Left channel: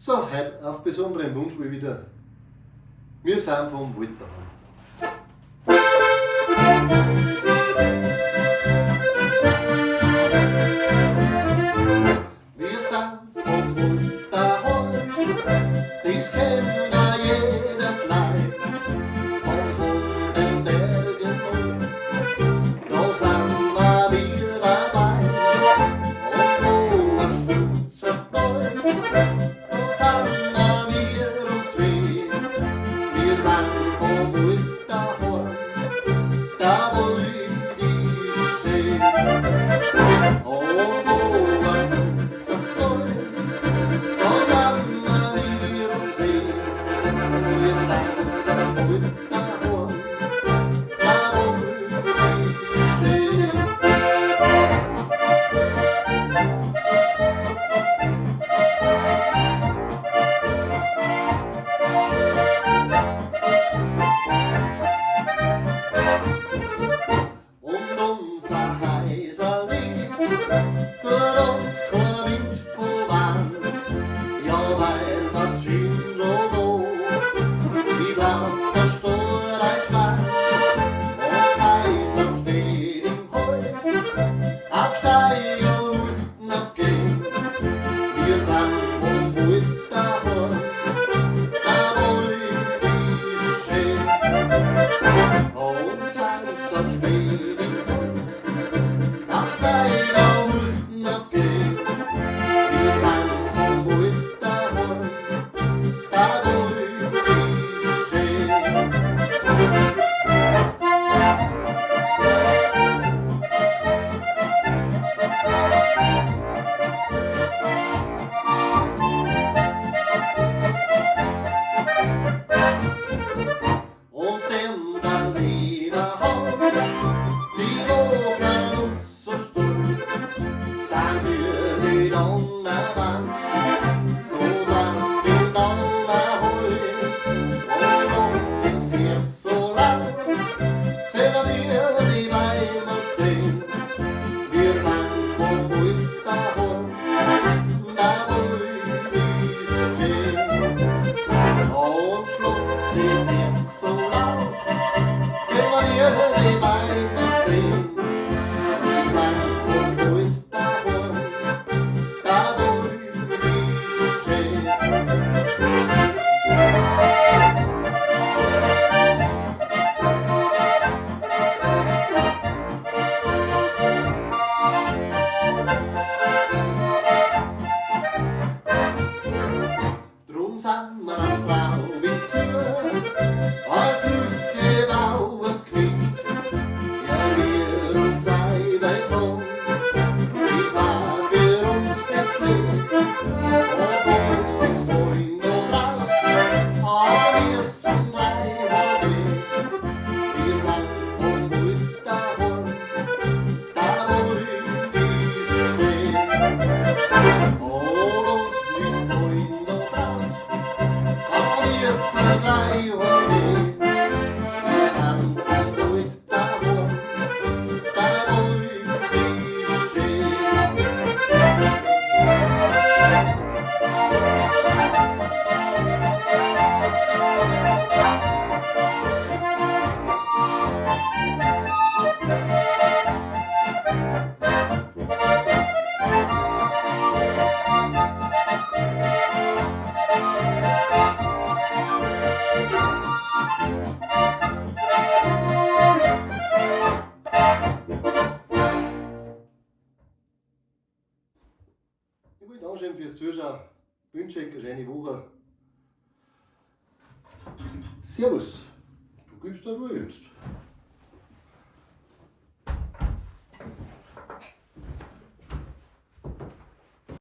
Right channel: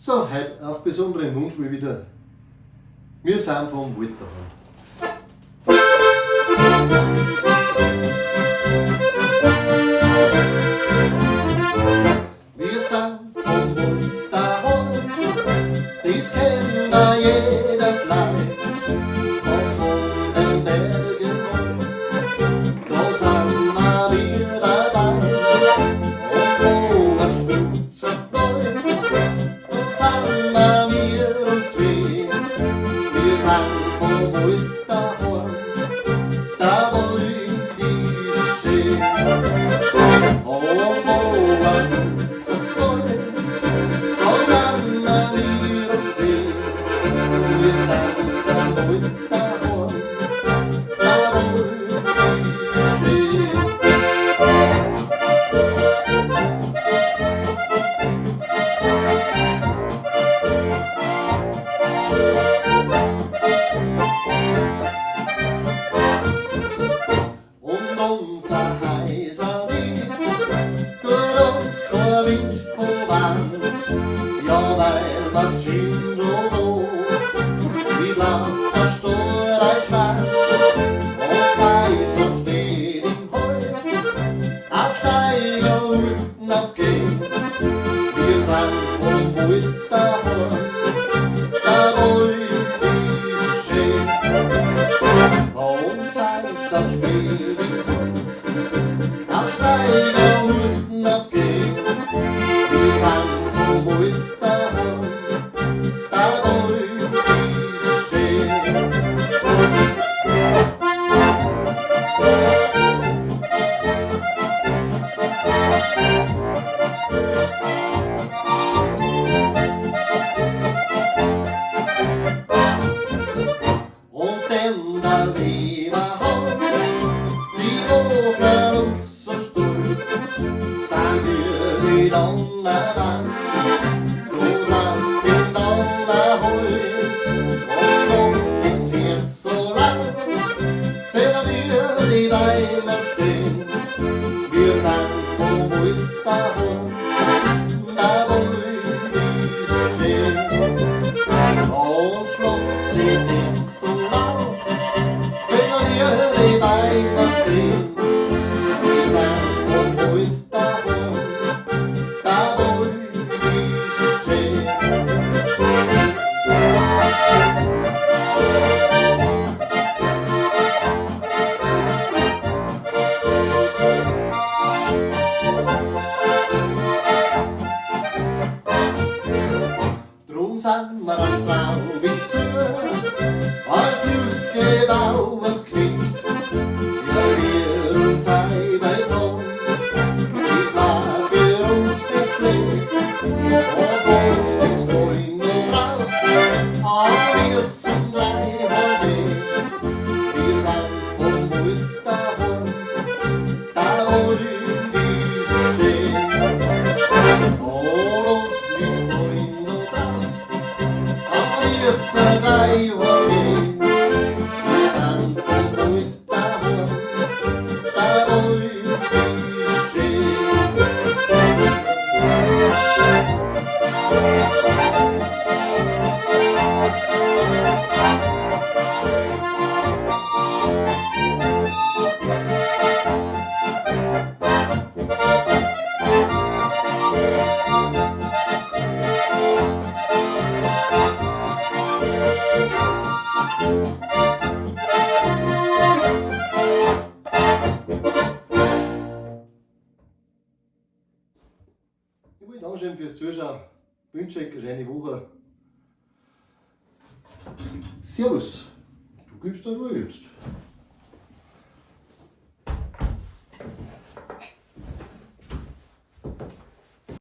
So, heute auf besonderen Wunsch mal wieder. Wir sind vom Wald daheim. Wir sind vom Wald daheim, das kennt da jeder gleich. Und von den Bergen hoch, da sind wir dabei. Und wo ein Stutzer Gold, da sind wir und zwei. Wir sind vom Wald daheim, da Wald ist schön. Und wo ein Stutzer Gold, da sind wir und zwei. Wir sind vom Wald daheim, da Wald ist schön. Und unser heiser Wies tut uns kein Wind voran. Ja, weil was schön so rot, wie blau der Storch Schwein. Und heiser steht im Holz, auf Steiger Husten aufgehen. Wir sind vom Wald daheim, der Wald ist schön. Und heiser steht im Holz, auf Steiger Husten aufgehen. Wir sind vom Wald daheim, der Wald ist schön. Und denn der Leberhand, die wogen uns so stolz, sind wir die Donnermann, du machst den Donnerholz. Und das Herz so laut, sehen wir die Weiber stehen. Wir sind vom Wald daheim, der Wald ist schön. Und schlug das Herz so laut, sehen wir die Weiber stehen. Wir sind vom Wald daheim, der Wald ist schön. Drum sind wir ein Straubig zu, als Lustgebau was kriegt. Ja, wir uns sei bei Tod, das war für uns nicht schlecht. Und uns nichts Freunde raus, aber wir sind gleich mal weg. Wir sind vom Wald daheim, der Wald ist schön. Und uns nichts Freunde raus, aber wir sind gleich mal weg. Wir sind vom Wald daheim, der Wald ist schön. Ich will danken fürs Zuschauen. Ich wünsche euch eine schöne Woche. Servus. Du gibst da wohl jetzt.